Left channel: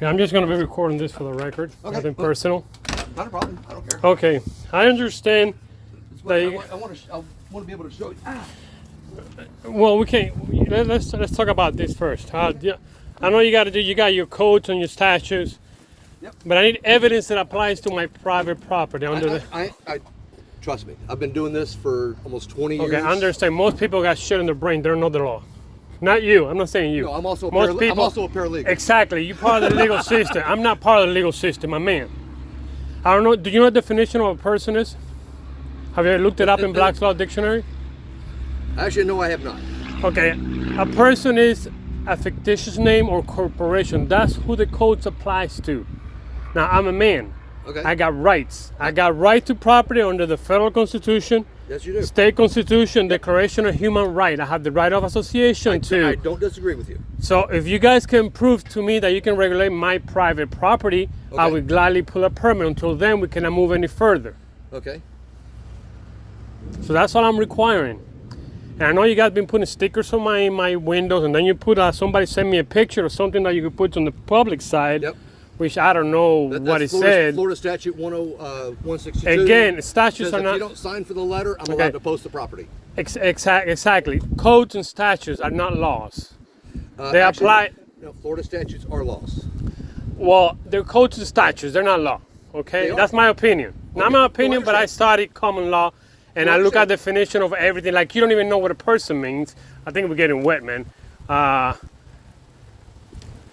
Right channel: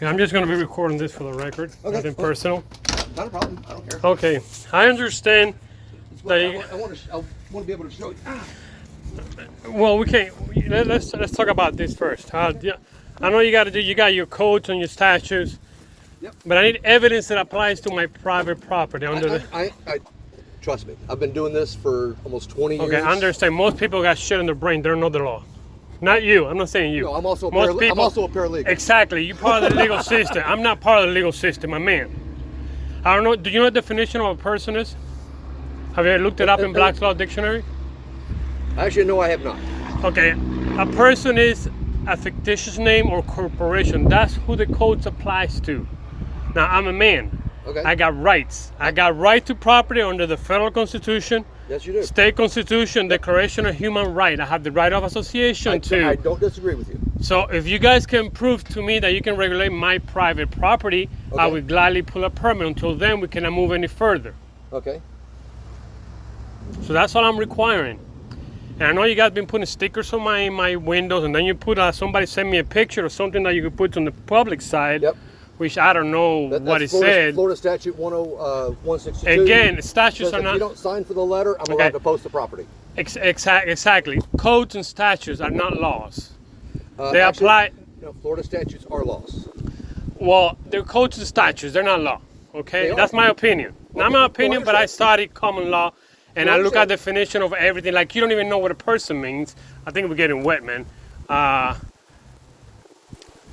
Okay, I'm just going to be recording this for the record. Okay. Nothing personal. Not a problem. I don't care. Okay, I understand. I want to be able to show you. Well, we can't. Let's talk about this first. I know you got your codes and your statutes. Yep. But I need evidence that applies to my private property Trust me. I've been doing this for almost 20 years. Okay, I understand. Most people got shit in their brain. They don't know the law. Not you. I'm not saying you. No, I'm also a paralegal. Exactly. You're part of the legal system. I'm not part of the legal system, my man. I don't know. Do you know what the definition of a person is? Have you looked it up in Black's Law Dictionary? Actually, no, I have not. Okay. A person is a fictitious name or corporation. That's who the code applies to. Now, I'm a man. Okay. I got rights. I got right to property under the federal constitution. Yes, you do. State constitution, Declaration of Human Rights. I have the right of association too. I don't disagree with you. So if you guys can prove to me that you can regulate my private property, I Okay. would gladly pull a permit. Until then, we cannot move any further. Okay. So that's all I'm requiring. And I know you guys been putting stickers on my windows, and then you put somebody send me a picture or something that you could put on the public side. Yep. Which I don't know what it said. Florida Statute 162. Again, statutes says are if not. you don't sign for the letter, I'm allowed to post the property. Exactly. Codes and statutes are not laws. They Actually, apply. No, Florida statutes are laws. Well, they're codes and statutes. They're not law. Okay, They are. that's my opinion. Not Okay. my No, I opinion, but I understand. studied common law, and No, I I look at understand. definition of everything. Like you don't even know what a person means. I think we're getting wet, man.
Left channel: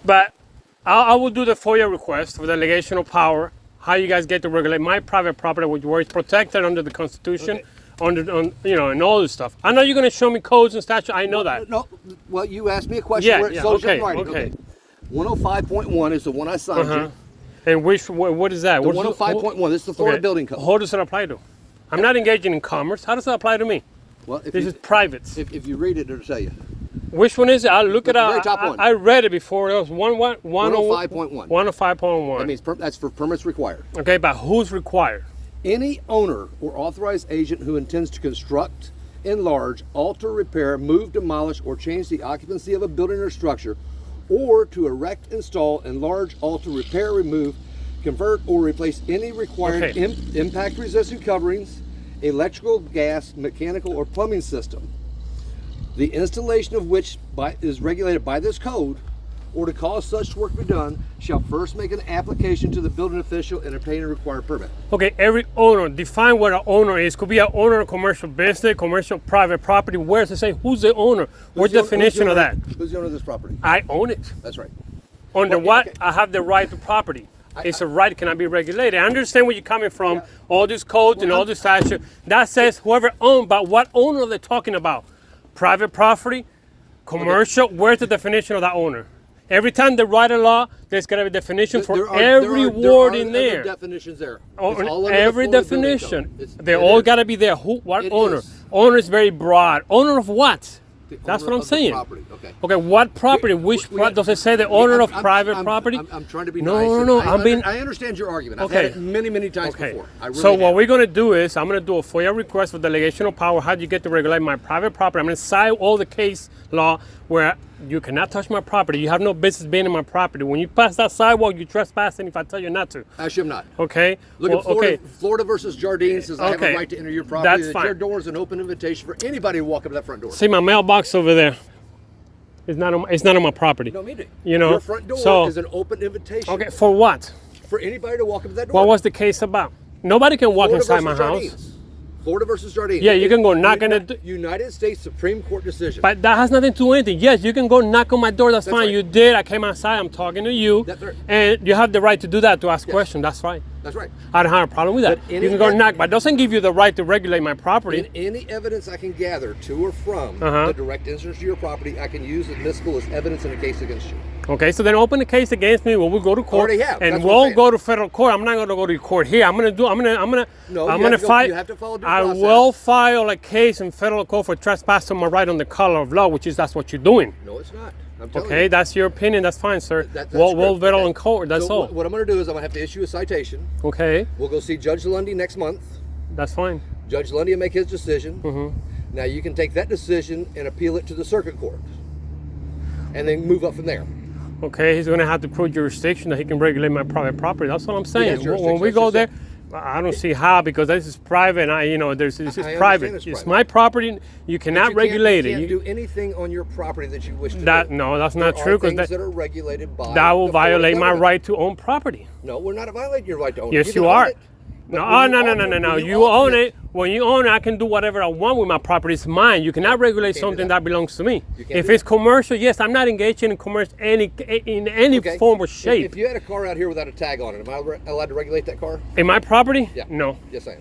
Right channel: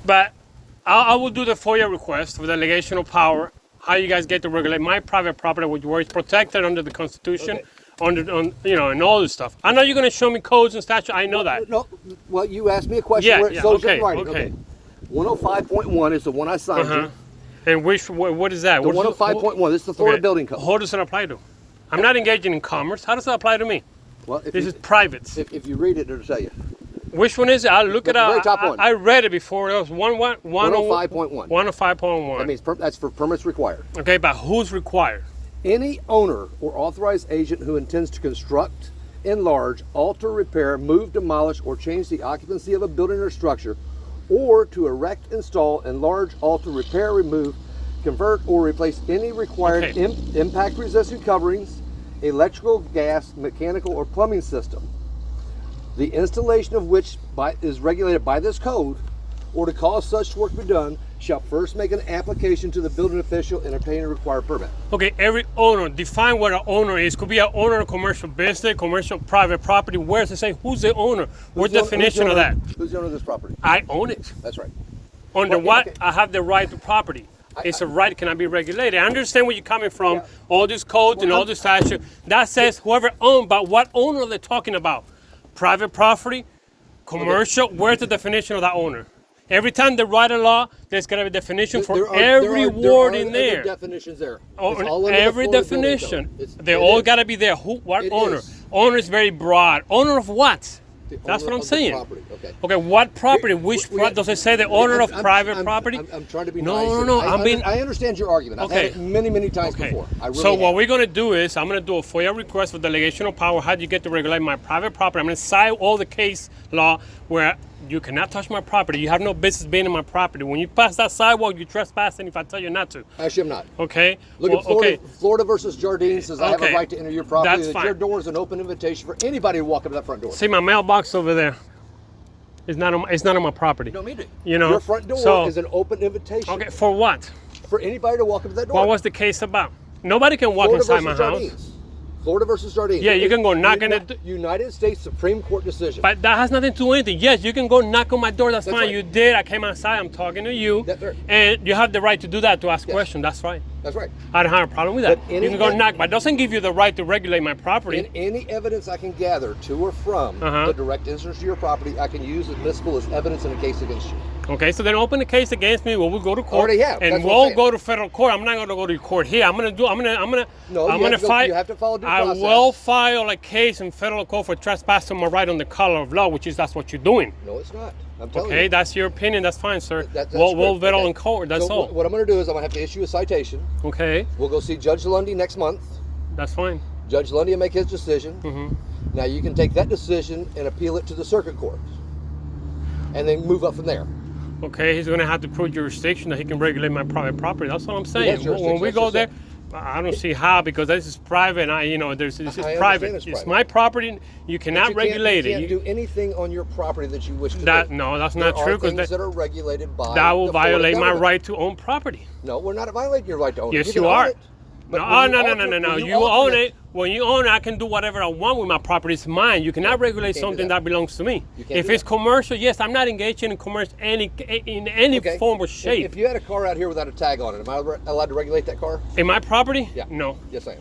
But I will do the FOIA request for delegation of power. How you guys get to regulate my private property, which is protected under the Constitution, and all this stuff. I know you're going to show me codes and statutes. I know that. No, well, you asked me a question Yeah, where it yeah, shows okay, in writing. okay. 105.1 is the one I signed you. And what is that? The 105.1, this is the Florida Building Code. Who does it apply to? I'm not engaging in commerce. How does that apply to me? Well, if This you, is private. if you read it, it'll tell you. Which one is it? I'll look it The up. very top one. I read it before. It was 105.1. 105.1. That means that's for permits required. Okay, but who's required? Any owner or authorized agent who intends to construct, enlarge, alter, repair, move, demolish, or change the occupancy of a building or structure, or to erect, install, enlarge, alter, repair, remove, convert, or replace any required Okay. impact-resistant coverings, electrical, gas, mechanical, or plumbing system, the installation of which is regulated by this code, or to cause such work to be done, shall first make an application to the building official and obtain a required permit. Okay, every owner, define what an owner is. Could be an owner of commercial business, commercial private property. Where does it say who's the owner? What's the definition of that? Who's the owner of this property? I own it. That's right. Under Well, what? okay. I have the right to property. It's a right, cannot be regulated. I understand where you're coming from, all these codes and all this statute. That says whoever owned, but what owner are they talking about? Private property? Commercial? Where's the definition of that owner? Every time they write a law, there's got to be a definition for every word in there. There are definitions there. Oh, It's all under the every Florida Building definition. Code. They all got to be there. Who? What It owner? is. Owner is very broad. Owner of what? The That's owner what I'm of the saying. property. Okay. Okay, what property? Which does it say the owner of private property? I'm trying to be No, nice. no, and I understand your argument. I've had Okay. it many, many times Okay. before. I really So what have. we're going to do is I'm going to do a FOIA request for delegation of power. How do you get to regulate my private property? I'm going to cite all the case law where you cannot touch my property. You have no business being in my property. When you pass that sidewalk, you're trespassing if I tell you not to. Actually, I'm not. Okay? Look Well, at Florida. okay. Florida versus Jardine says I have Okay. a right to enter your property. That's That fine. your door is an open invitation for anybody to walk up to that front door. See my mailbox over there. It's not on my property. No, me too. You know, Your front door so- is an open invitation Okay, for what? for anybody to walk up to that door. What was the case about? Nobody can walk Florida inside my versus house. Jardines. Florida versus Jardines. Yeah, you can go knock on the United States Supreme Court decision. But that has nothing to do with anything. Yes, you can go knock on my door. That's That's fine. right. You did. I came outside. I'm talking to you. That's right. And you have the right to do that, to ask Yes. questions. That's right. That's right. I don't have a problem with that. But any- You can go knock, but it doesn't give you the right to regulate my property. In any evidence I can gather to or from Uh-huh. the direct interest to your property, I can use admissible as evidence in a case against you. Okay, so then open the case against me when we go to court. Already have. And That's what I'm we'll saying. go to federal court. I'm not going to go to court here. I'm going to No, I'm you going have to to go- fight. you have to follow due I process. will file a case in federal court for trespassing my right on the color of law, which is that's what you're doing. No, it's not. I'm telling Okay, you. that's your opinion. That's fine, sir. That's we'll correct. vettle Okay. in court. That's So all. What I'm going to do is I'm going to have to issue a citation. Okay, We'll go see Judge Lundy next month. that's fine. Judge Lundy will make his decision. Mm-hmm. Now you can take that decision and appeal it to the circuit court, and then move up from there. Okay, he's going to have to prove jurisdiction that he can regulate my private property. That's what I'm saying. has jurisdiction, When we that's go just there, it. I don't see how, because this is private. This is I private. understand it's It's private. my property. You cannot You regulate can't it. do anything on your property that you wish to That do. no, that's There not true. are Because things that are regulated by that will the Florida violate my government. right to own property. No, we're not violating your right to own it. Yes, can you own are. it, but No, when no, you no, own no, it- no, no. when You own it. When you own it, I can do whatever I want with my property. It's mine. You cannot regulate can't do something that. that belongs to me. You can't If do it's that. commercial, yes, I'm not engaging in commerce in any Okay. form or If- shape. If you had a car out here without a tag on it, am I allowed to regulate that car? In my property? Yeah. No. Yes, I am.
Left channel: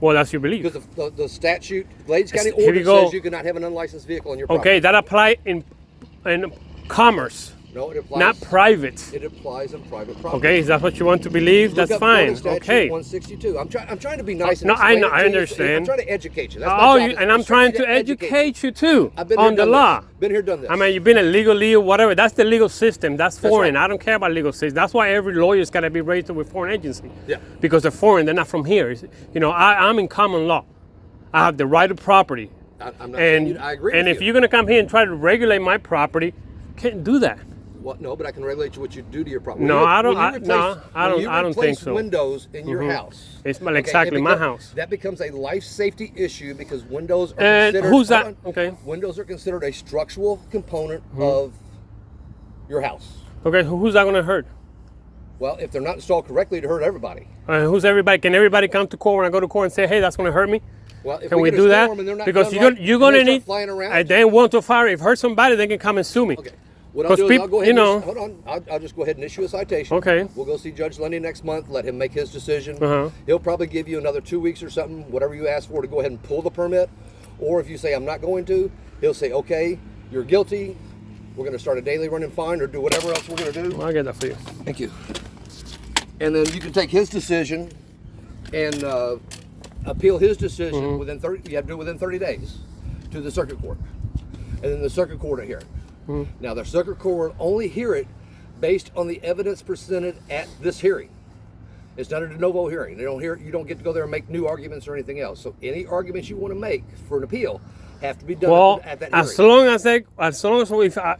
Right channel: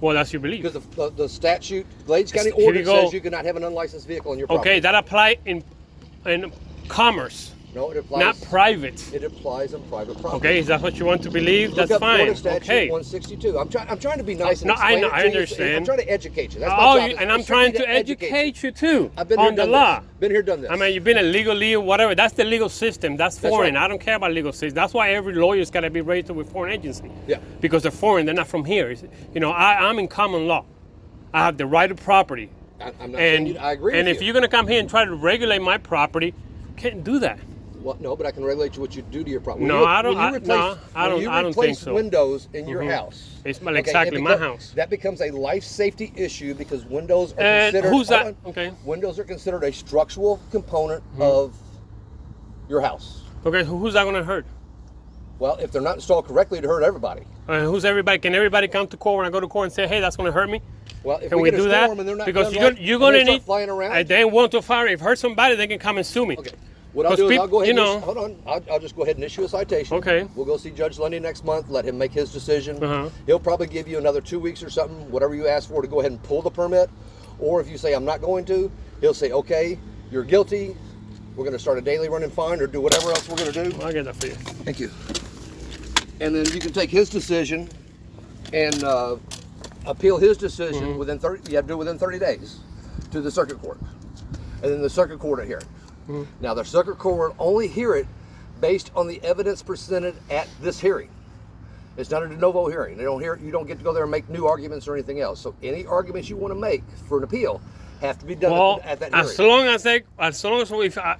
Well, that's your belief. Because the statute, Glades County Here we ordinance go. says you cannot have an unlicensed vehicle on your property. Okay, that apply in commerce, No, it applies. not private. It applies on private property. Okay, is that what you want to believe? Look That's up Florida fine. Statute Okay. 162. I'm trying to be nice and No, I explain know, it to I you. understand. I'm trying to educate you. That's my Oh, job. and I'm It's strictly trying to educate you too I've been here on the done this. law. Been here, done this. I mean, you've been a legally or whatever. That's the legal system. That's That's foreign. right. I don't care about legal system. That's why every lawyer's got to be registered with foreign agency. Yeah. Because they're foreign. They're not from here. I'm in common law. I have the right of property. I'm not saying And I agree and with if you. you're gonna come here and try to regulate my property, can't do that. Well, no, but I can relate to what you do to your property. No, I don't- When you I- replace, no, I when don't- you I don't replace think so. windows in your house. It's okay, exactly it my beco- house. That becomes a life safety issue because windows are And considered. who's hold that? on. Okay. Windows are considered a structural component Hmm. of your house. Okay, who's that gonna hurt? Well, if they're not installed correctly, it hurt everybody. Who's everybody? Can everybody come to court when I go to court and say, "Hey, that's gonna hurt me"? Well, if Can we get a do that? storm and they're not Because done you're right, gonna, you're and they gonna start need. flying around. And they want to fire. If hurt somebody, they can come and sue me. Okay. What I'll Because do is I'll go ahead. people- And hold on. I'll just go ahead and issue a citation. Okay. We'll go see Judge Lundy next month. Let him make his decision. Uh-huh. He'll probably give you another 2 weeks or something, whatever you ask for, to go ahead and pull the permit. Or if you say I'm not going to, he'll say, okay, you're guilty. We're going to start a daily running fine or do whatever else we're going to do. I'll get that for you. Thank you. And then you can take his decision and appeal his decision Mm-hmm. within 30. You have to do it within 30 days to the circuit court, and then the circuit court will hear it. Mm-hmm. Now the circuit court will only hear it based on the evidence presented at this hearing. It's not a de novo hearing. They don't hear it. You don't get to go there and make new arguments or anything else. So any arguments you want to make for an appeal have to be done Well, at that hearing. as long as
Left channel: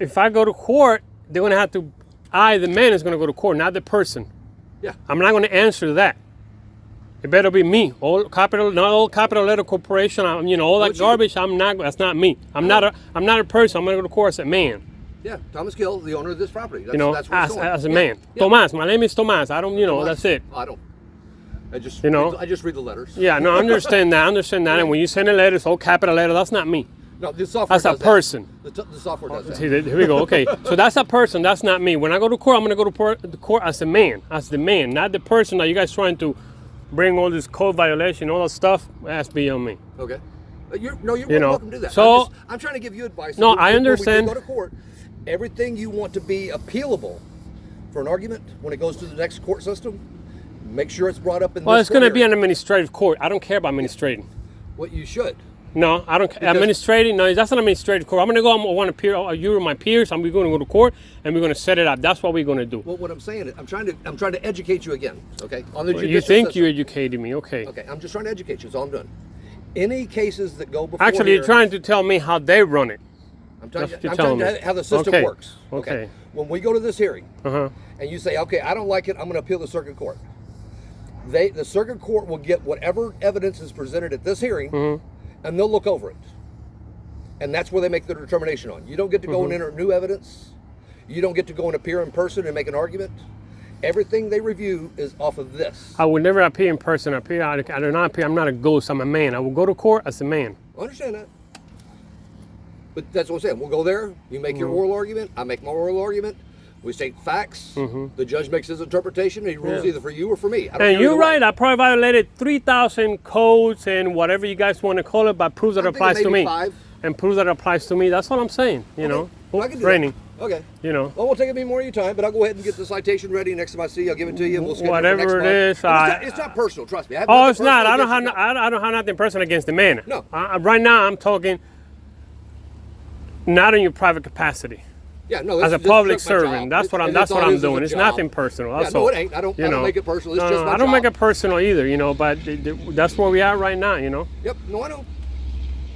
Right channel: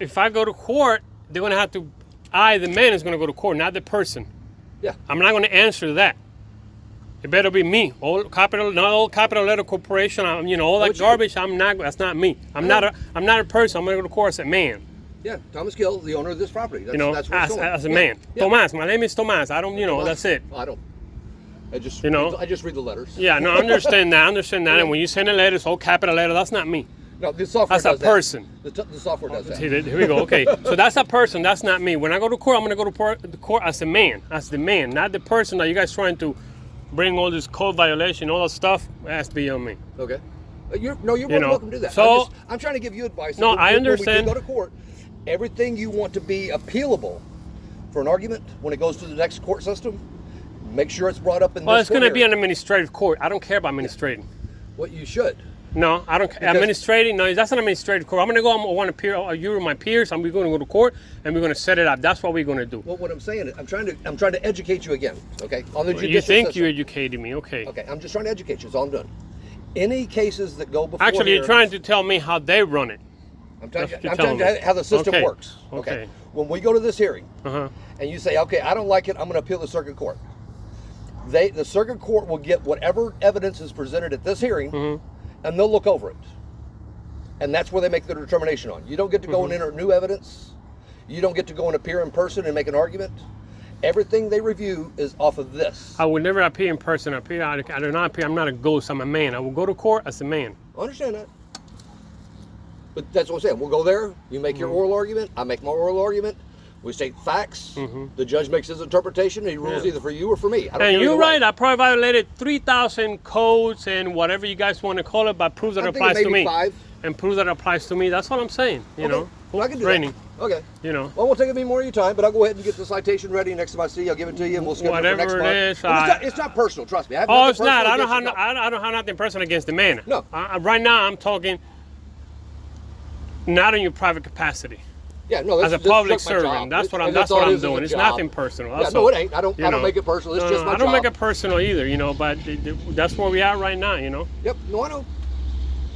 if I go to court, they're gonna have to. The man is gonna go to court, not the person. Yeah. I'm not gonna answer that. It better be me. Not all capital letter corporation. All No, that it's you. garbage. I'm not. That's not me. I'm not a person. I'm gonna go to court as a man. Yeah, Thomas Gill, the owner of this property. That's where it's going. As a Yeah. man. Yeah. Tomas. My name is Tomas. I don't. Tomas. That's it. I don't. I just I just read the letters. Yeah. No. I understand that. I understand that. And when you send a letter, it's all capital letter. That's not me. No, the software That's a does that. person. The software does that. See, here we go. Okay, so that's a person. That's not me. When I go to court, I'm gonna go to the court as a man, as the man, not the person that you guys trying to bring all this code violation, all that stuff. That's beyond me. Okay. You're more than welcome to do that. so- I'm trying to give you advice. No, I understand. When we do go to court, everything you want to be appealable for an argument when it goes to the next court system, make sure it's brought up in Well, this it's gonna be hearing. an administrative court. I don't care about administrating. What you should. No, I don't. Because- Administrating, no, that's not administrative court. I'm gonna go. I want to peer. You and my peers. I'm going to go to court, and we're gonna set it up. That's what we're gonna do. Well, what I'm saying is, I'm trying to educate you again. Okay. On the You judicial think system. you educated me? Okay. Okay. I'm just trying to educate you. That's all I'm doing. Any cases that go before Actually, here, you're trying to tell me how they run it. I'm telling That's you, what I'm you're telling you telling me. how the system Okay. works. Okay. When we go to this hearing, Uh-huh. and you say, okay, I don't like it, I'm going to appeal the circuit court. The circuit court will get whatever evidence is presented at this hearing, Mm-hmm. and they'll look over it. And that's where they make their determination on. You don't get to go and enter new evidence. You don't get to go and appear in person and make an argument. Everything they review is off of this. I would never appear in person. I do not appear. I'm not a ghost. I'm a man. I will go to court as a man. I understand that. But that's what I'm saying. We'll go there. You make your Mm-hmm. oral argument. I make my oral argument. We state facts. The judge makes his interpretation. And he rules Mm-hmm. Yeah. either for you or for me. I don't And care you're either way. right. I probably violated 3,000 codes and whatever you guys want to call it, but proves that I'm it thinking applies to maybe me. 5. And proves that it applies to me. That's what I'm saying. You Okay. know, Well, I can do training. that. Okay. You know. Well, it won't take me more of your time, but I'll go ahead and get the citation ready. Next time I see you, I'll give it to you, and we'll schedule it for next Whatever it month. is, And it's not personal, trust me. I have Oh, nothing it's not. personal I don't have. against you, no. I don't have nothing personal against the man. No. Right now, I'm talking not in your private capacity. Yeah, no, As a this is public just my servant, job. that's what And I'm all it is doing. a It's job. nothing personal. Yeah, That's no, all. it ain't. I don't make it personal. It's just my I don't job. make it personal either, you know. But that's where we are right now, you know. Yep. No, I know.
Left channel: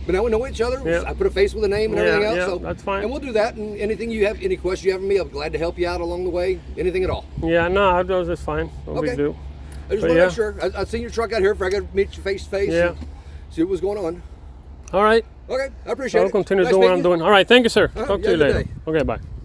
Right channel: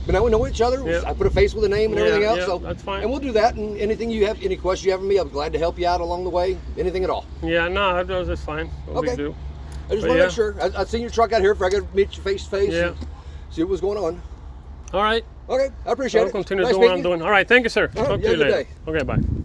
But now we know each other. Yeah. I put a face with a name and Yeah, everything else. yeah, So that's fine. And we'll do that. And anything you have, any questions you have for me, I'm glad to help you out along the way. Anything at all. Yeah, no, that's fine. No big Okay. deal. I just But want to yeah. make sure. I seen your truck out here. If I got to meet you face to face. Yeah. And see what was going on. All right. Okay, I appreciate I'll it. continue Nice doing what I'm meeting you. doing. All right, thank you, sir. Uh-huh. Talk You to you have a good later. Okay, bye.